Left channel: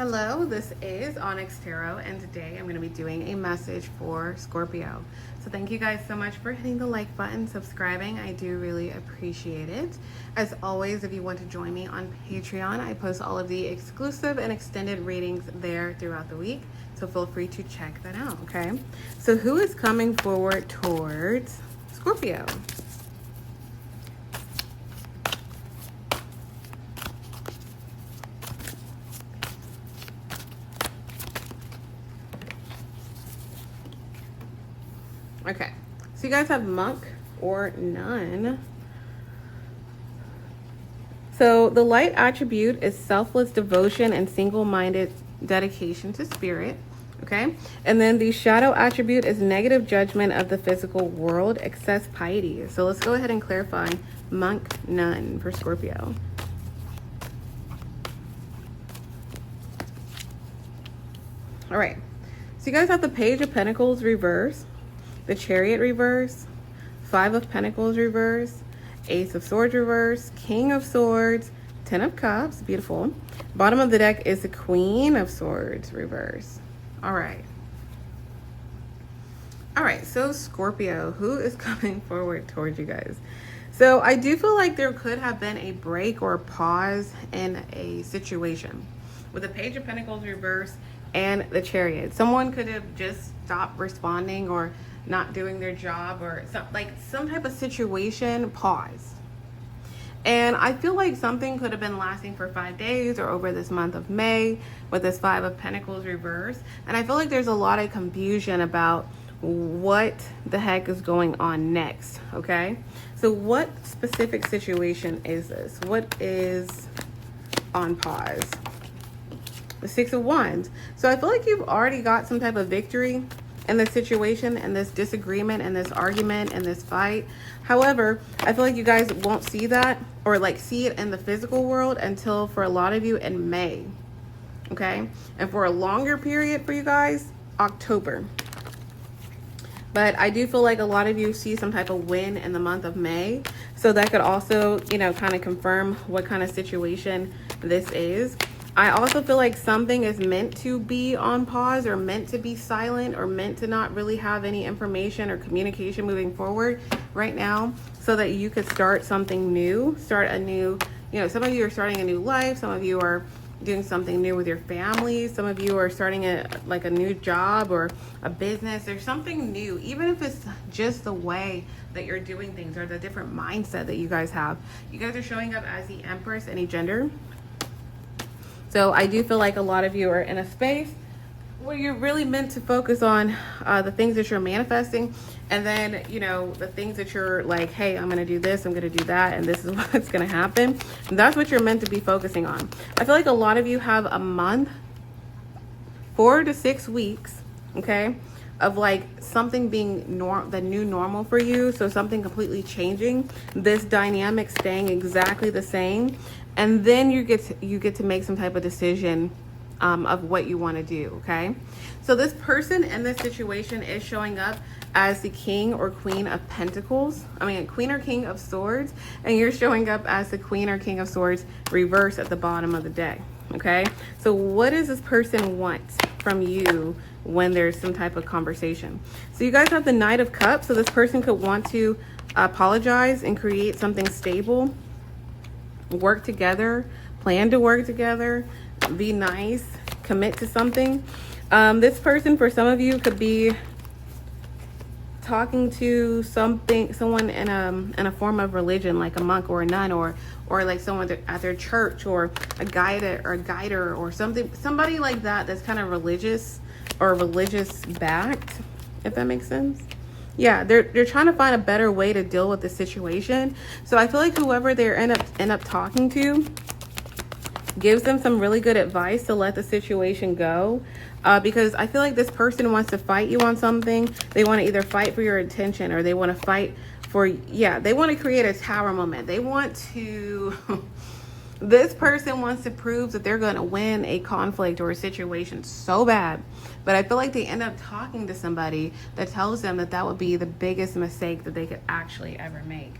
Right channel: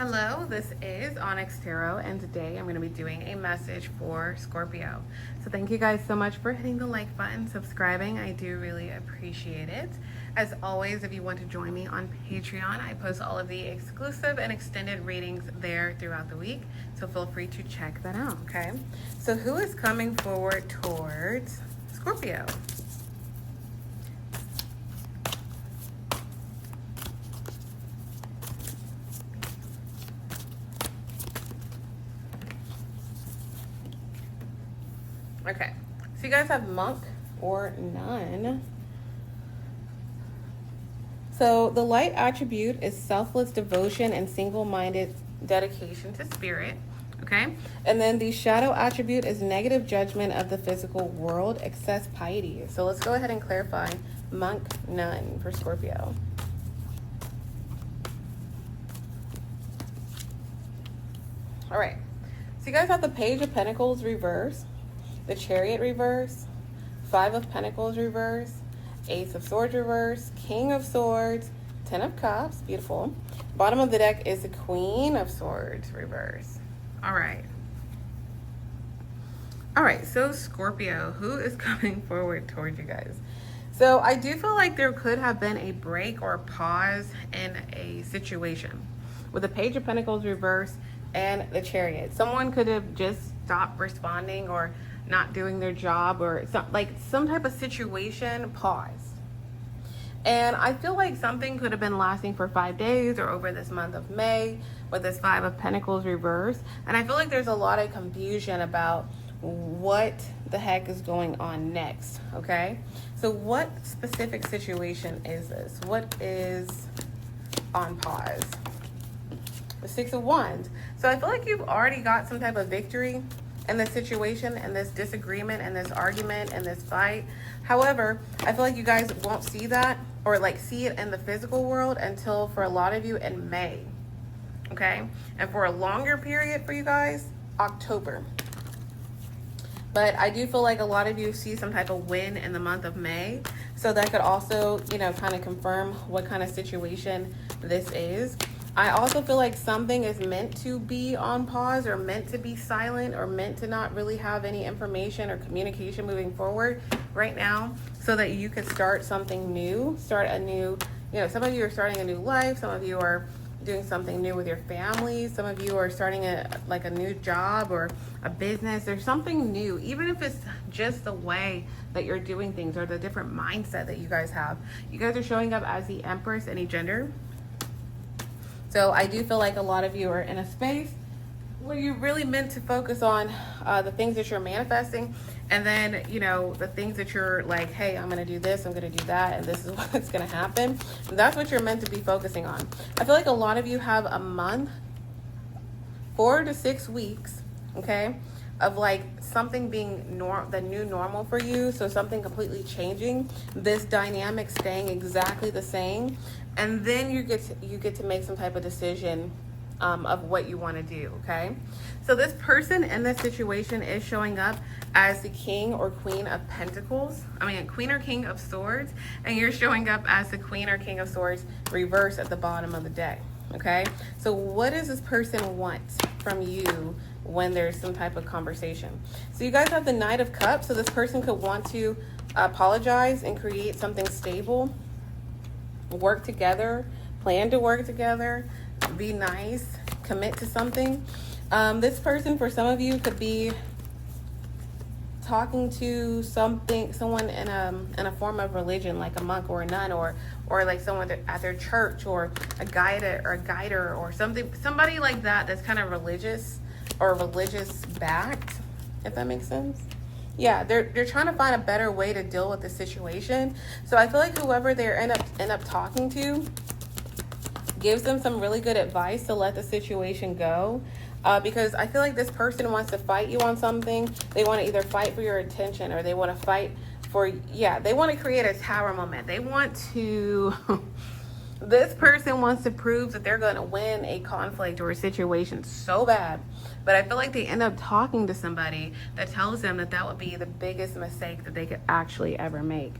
Hello, this is Onyx Tarot, and today I'm going to be doing a message for Scorpio. So thank you guys so much for hitting the like button, subscribing. I do really appreciate it. As always, if you want to join me on Patreon, I post all of the exclusive and extended readings there throughout the week. So feel free to check that out, okay? So who is coming forward towards Scorpio? Okay, so you guys have monk or none. So the light attribute is selfless devotion and single-minded dedication to spirit, okay? And then the shadow attribute is negative judgment of the physical world, excess piety. So let's go ahead and clarify monk, none for Scorpio. All right, so you guys have the Page of Pentacles reverse, the Chariot reverse, Five of Pentacles reverse, Ace of Swords reverse, King of Swords, Ten of Cups, beautiful. Bottom of the deck is the Queen of Swords reverse. All right, so Scorpio, who is coming forward towards you guys? So I do feel like there could have been a break or a pause in a situation with the Page of Pentacles reverse and the Chariot. Someone could have just stopped responding or not doing their job, or some type of situation pause. And I feel like something could have been lasting for 5 days or over this month of May with this Five of Pentacles reverse. And I feel like there's a lot of confusion about what the heck is going on next, okay? So what specific situation is this? What is on pause? The Six of Wands. So I feel like you've already got some type of victory in this situation, in this disagreement, in this argument, in this fight. However, I feel like you guys won't see that or see it in the physical world until, for a lot of you, in May, okay? And for a longer period for you guys, October. But I do feel like a lot of you see some type of win in the month of May. So that could also, kind of confirm what kind of situation this is. I also feel like something is meant to be on pause, or meant to be silent, or meant to not really have any information or communication moving forward right now, so that you could start something new, start a new, some of you are starting a new life, some of you are doing something new with your family, some of you are starting a new job or a business. There's something new, even if it's just the way that you're doing things or the different mindset that you guys have. You guys are showing up as the Empress, any gender. So I do feel like a lot of you are in a space where you're really meant to focus on the things that you're manifesting, and then, the things that you're like, hey, I'm going to do this, I'm going to do that, and this is what's going to happen. And that's what you're meant to be focusing on. I feel like a lot of you have a month, 4 to 6 weeks, okay, of something being the new normal for you. So something completely changing, this dynamic staying exactly the same. And then you get to make some type of decision of what you want to do, okay? So this person in this situation is showing up as the King or Queen of Pentacles. Queen or King of Swords. And you're showing up as the Queen or King of Swords reverse at the bottom of the deck, okay? So what does this person want from you when there's some type of conversation? So you guys have the Knight of Cups. So this person could want to apologize and create something stable, work together, plan to work together, be nice, commit to something. This person, for some of you, could be talking to someone in a form of religion, like a monk or a nun, or like someone at their church, or a guider or something, somebody like that that's kind of religious or religious backed, if that makes sense. Yeah, they're trying to find a better way to deal with the situation. So I feel like whoever they end up talking to gives them some really good advice to let the situation go. Because I feel like this person wants to fight you on something. They want to either fight for your attention, or they want to fight for, they want to create a tower moment. They want to, this person wants to prove that they're going to win a conflict or a situation so bad. But I feel like they end up talking to somebody that tells them that that would be the biggest mistake that they could actually ever make.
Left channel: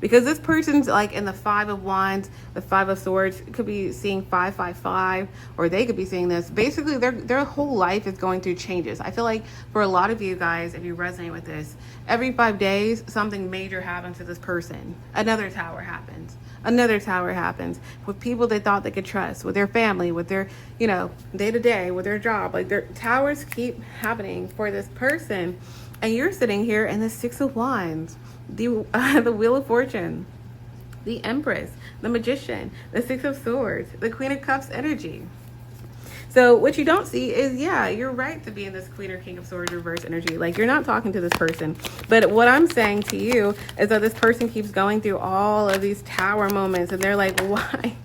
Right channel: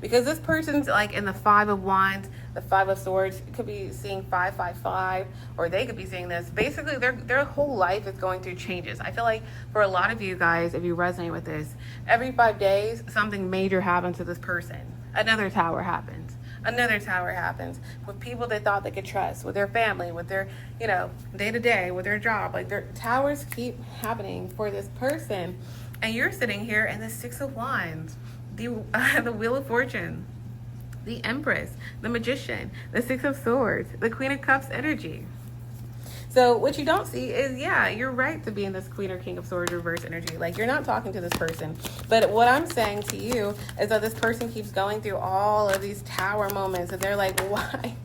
because this person's like in the 5 of Wands, the 5 of Swords. It could be seeing 555, or they could be seeing this. Basically, their whole life is going through changes. I feel like for a lot of you guys, if you resonate with this, every 5 days, something major happens to this person. Another tower happens. Another tower happens with people they thought they could trust, with their family, with their, you know, day-to-day, with their job. Like, their towers keep happening for this person. And you're sitting here in the 6 of Wands, the Wheel of Fortune, the Empress, the Magician, the 6 of Swords, the Queen of Cups energy. So what you don't see is, yeah, you're right to be in this Queen or King of Swords reverse energy. Like, you're not talking to this person. But what I'm saying to you is that this person keeps going through all of these tower moments, and they're like, why?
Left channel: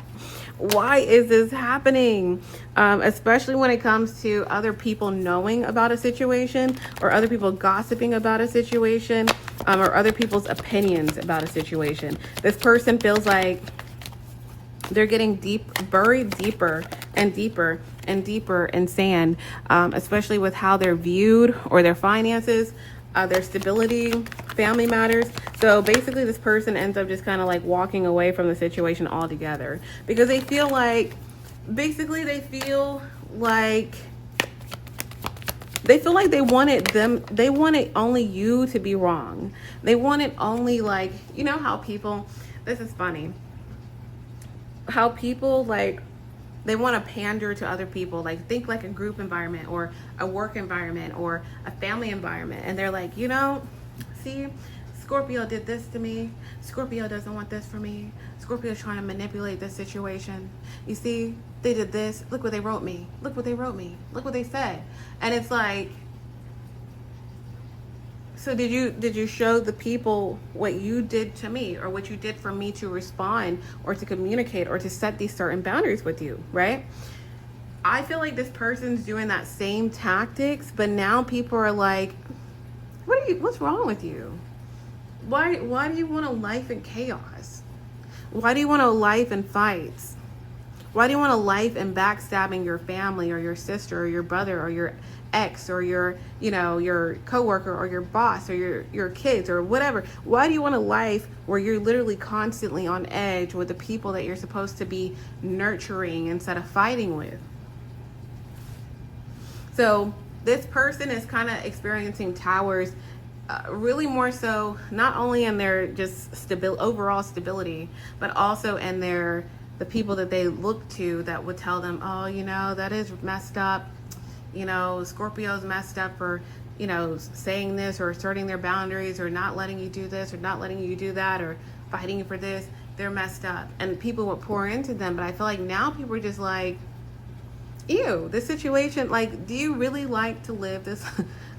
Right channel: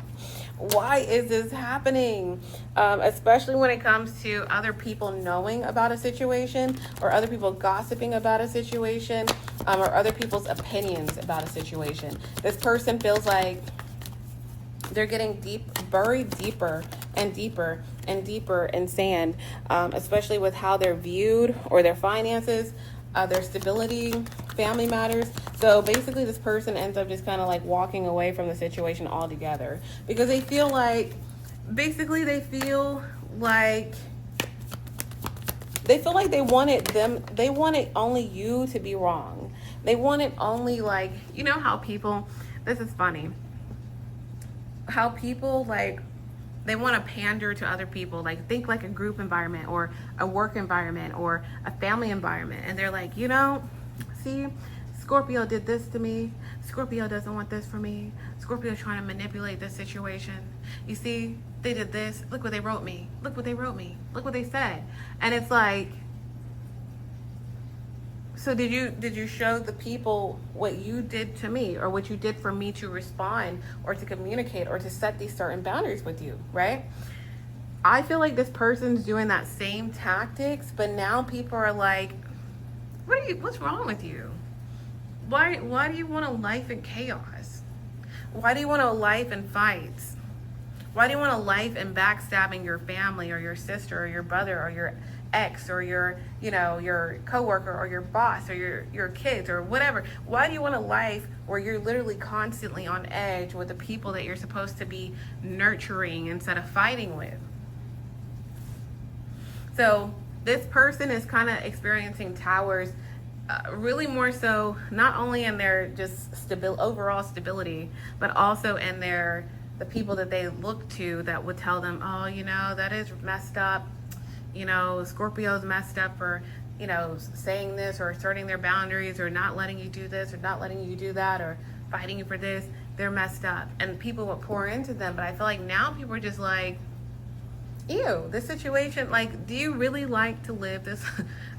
Why is this happening? Especially when it comes to other people knowing about a situation, or other people gossiping about a situation, or other people's opinions about a situation. This person feels like they're getting buried deeper and deeper and deeper in sand, especially with how they're viewed, or their finances, their stability, family matters. So basically this person ends up just kind of like walking away from the situation altogether, because they feel like, basically they feel like they wanted only you to be wrong. They wanted only, like, you know how people, this is funny, how people, like, they want to pander to other people, like, think like a group environment, or a work environment, or a family environment. And they're like, you know, see, Scorpio did this to me. Scorpio doesn't want this for me. Scorpio's trying to manipulate this situation. You see, they did this. Look what they wrote me. Look what they wrote me. Look what they said. And it's like, so did you show the people what you did to me, or what you did for me to respond, or to communicate, or to set these certain boundaries with you, right? I feel like this person's doing that same tactics, but now people are like, what's wrong with you? Why do you want a life in chaos? Why do you want a life in fights? Why do you want a life in backstabbing your family, or your sister, or your brother, or your ex, or your, you know, your coworker, or your boss, or your kids, or whatever? Why do you want a life where you're literally constantly on edge with the people that you're supposed to be nurturing instead of fighting with? So this person is kind of experiencing towers, really more so not only in their just overall stability, but also in the people that they look to that would tell them, oh, you know, that is messed up. You know, Scorpio's messed up for, you know, saying this, or asserting their boundaries, or not letting you do this, or not letting you do that, or fighting you for this. They're messed up. And people would pour into them. But I feel like now people are just like, ew, this situation, like, do you really like to live this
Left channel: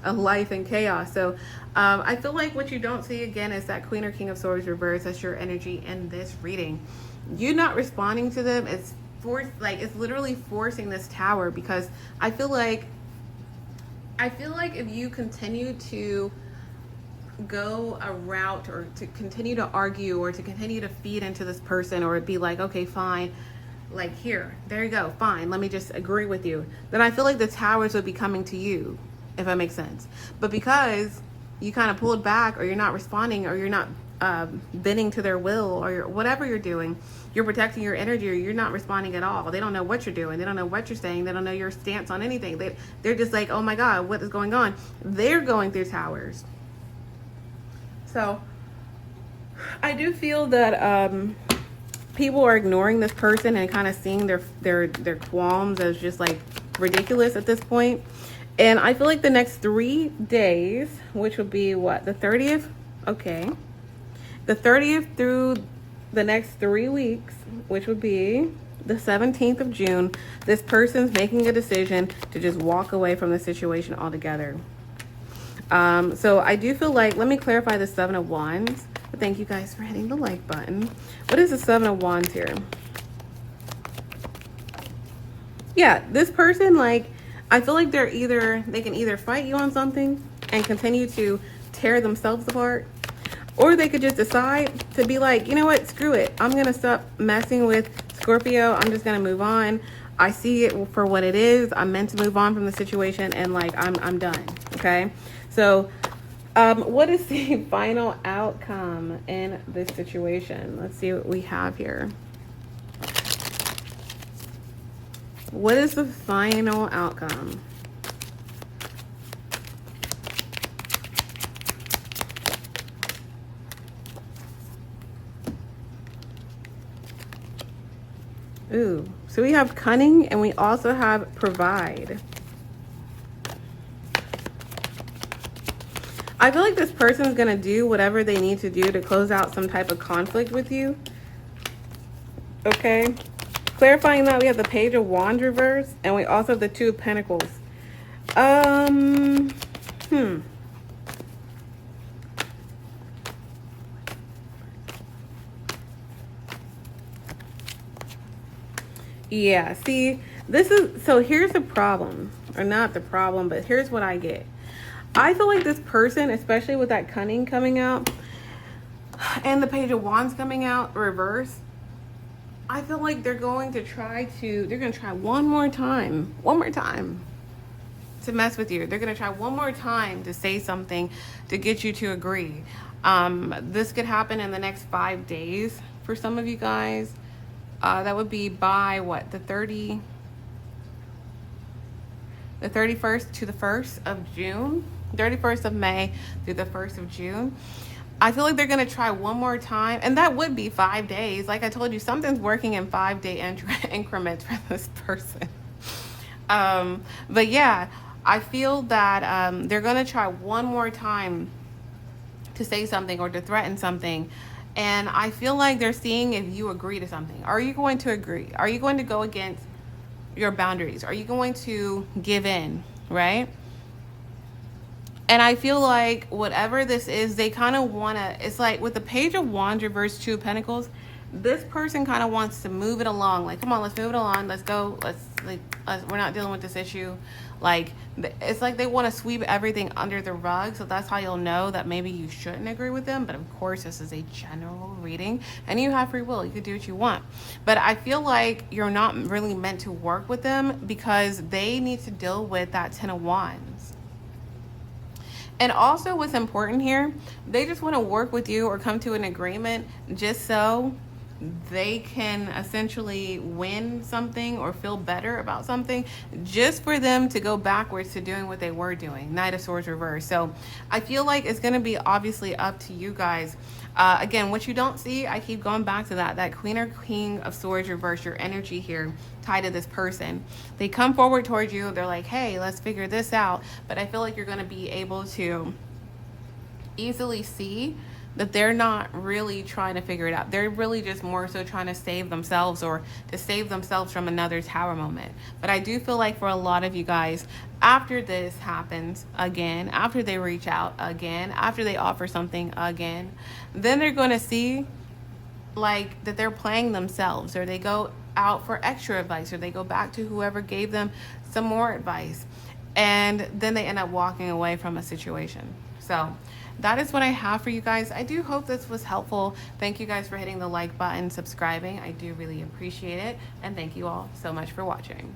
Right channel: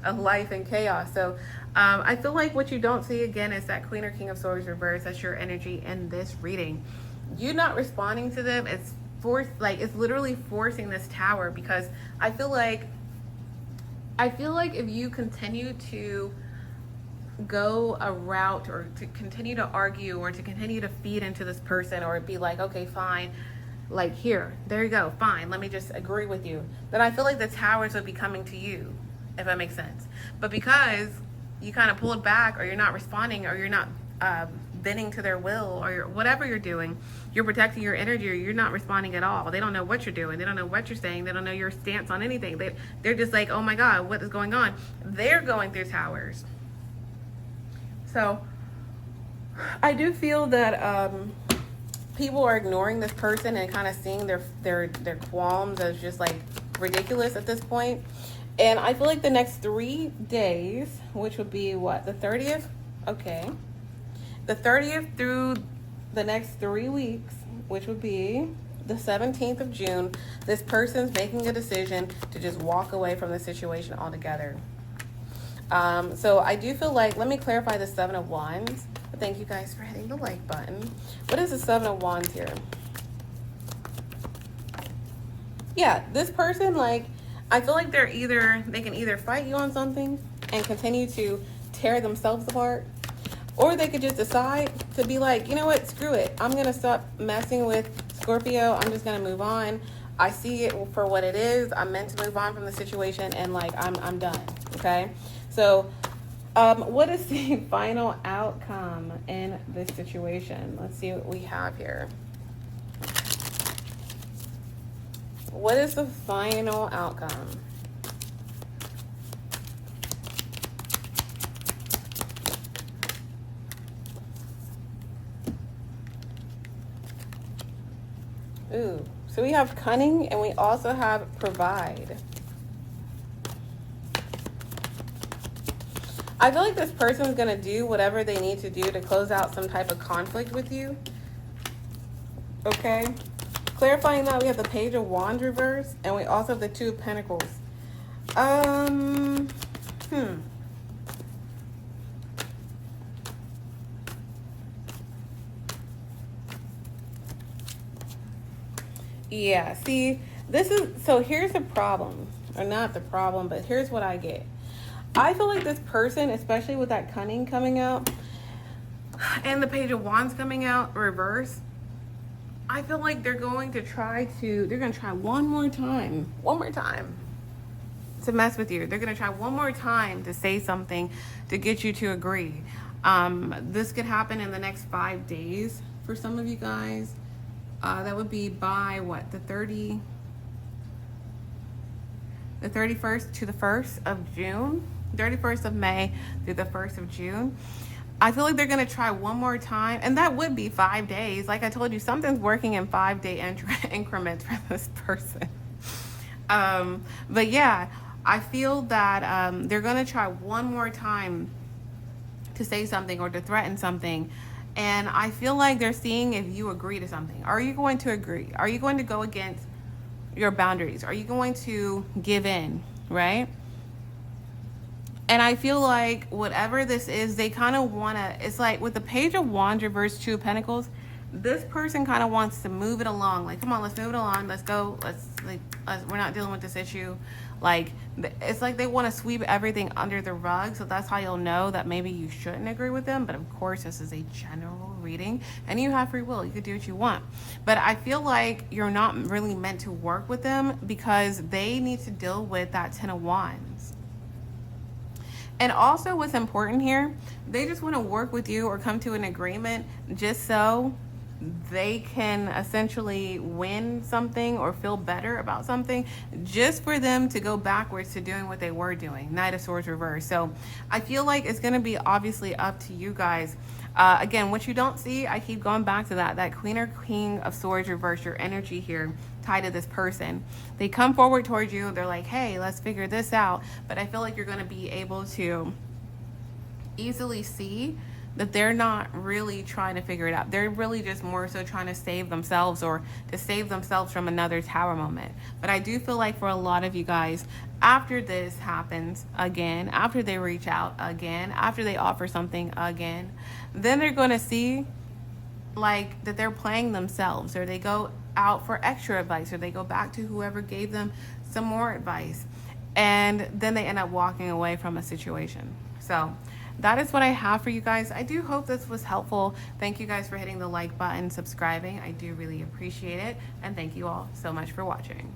a life in chaos? So I feel like what you don't see, again, is that Queen or King of Swords reverse. That's your energy in this reading. You not responding to them, it's it's literally forcing this tower, because I feel like if you continue to go a route, or to continue to argue, or to continue to feed into this person, or be like, okay, fine, like, here, there you go, fine, let me just agree with you, then I feel like the towers would be coming to you, if that makes sense. But because you kind of pulled back, or you're not responding, or you're not bending to their will, or whatever you're doing, you're protecting your energy, or you're not responding at all. They don't know what you're doing. They don't know what you're saying. They don't know your stance on anything. They're just like, oh my God, what is going on? They're going through towers. So I do feel that people are ignoring this person and kind of seeing their qualms as just like ridiculous at this point. And I feel like the next 3 days, which would be what, the 30th? Okay. The 30th through the next 3 weeks, which would be the 17th of June, this person's making a decision to just walk away from the situation altogether. So I do feel like, let me clarify the 7 of Wands. Thank you guys for hitting the like button. What is the 7 of Wands here? Yeah, this person, like, I feel like they can either fight you on something and continue to tear themselves apart, or they could just decide to be like, you know what, screw it. I'm going to stop messing with Scorpio. I'm just going to move on. I see it for what it is. I'm meant to move on from the situation, and like, I'm done. Okay. So What is the final outcome in this situation? Let's see what we have here. What is the final outcome? Ooh, so we have cunning and we also have provide. I feel like this person's gonna do whatever they need to do to close out some type of conflict with you. Okay. Clarifying that, we have the Page of Wands reverse and we also have the Two of Pentacles. Yeah, see, this is, so here's the problem, or not the problem, but here's what I get. I feel like this person, especially with that cunning coming out and the Page of Wands coming out reverse, I feel like they're going to try one more time to mess with you. They're going to try one more time to say something to get you to agree. This could happen in the next 5 days for some of you guys. That would be by what, the 31st to the 1st of June, 31st of May through the 1st of June. I feel like they're going to try one more time, and that would be 5 days. Like I told you, something's working in 5-day increments for this person. But yeah, I feel that they're going to try one more time to say something or to threaten something. And I feel like they're seeing if you agree to something. Are you going to agree? Are you going to go against your boundaries? Are you going to give in, right? And I feel like whatever this is, they kind of want to, it's like with the Page of Wands reverse Two of Pentacles, this person kind of wants to move it along. Like, come on, let's move it along. Let's go. We're not dealing with this issue. Like, it's like they want to sweep everything under the rug. So that's how you'll know that maybe you shouldn't agree with them. But of course, this is a general reading and you have free will. You could do what you want. But I feel like you're not really meant to work with them because they need to deal with that Ten of Wands. And also what's important here, they just want to work with you or come to an agreement just so they can essentially win something or feel better about something, just for them to go backwards to doing what they were doing. Knight of Swords reverse. So I feel like it's going to be obviously up to you guys. Again, what you don't see, I keep going back to that Queen or King of Swords reverse, your energy here tied to this person. They come forward towards you. They're like, hey, let's figure this out. But I feel like you're going to be able to easily see that they're not really trying to figure it out. They're really just more so trying to save themselves or to save themselves from another tower moment. But I do feel like for a lot of you guys, after this happens again, after they reach out again, after they offer something again, then they're going to see like that they're playing themselves, or they go out for extra advice, or they go back to whoever gave them some more advice, and then they end up walking away from a situation. So that is what I have for you guys. I do hope this was helpful. Thank you guys for hitting the like button, subscribing. I do really appreciate it. And thank you all so much for watching.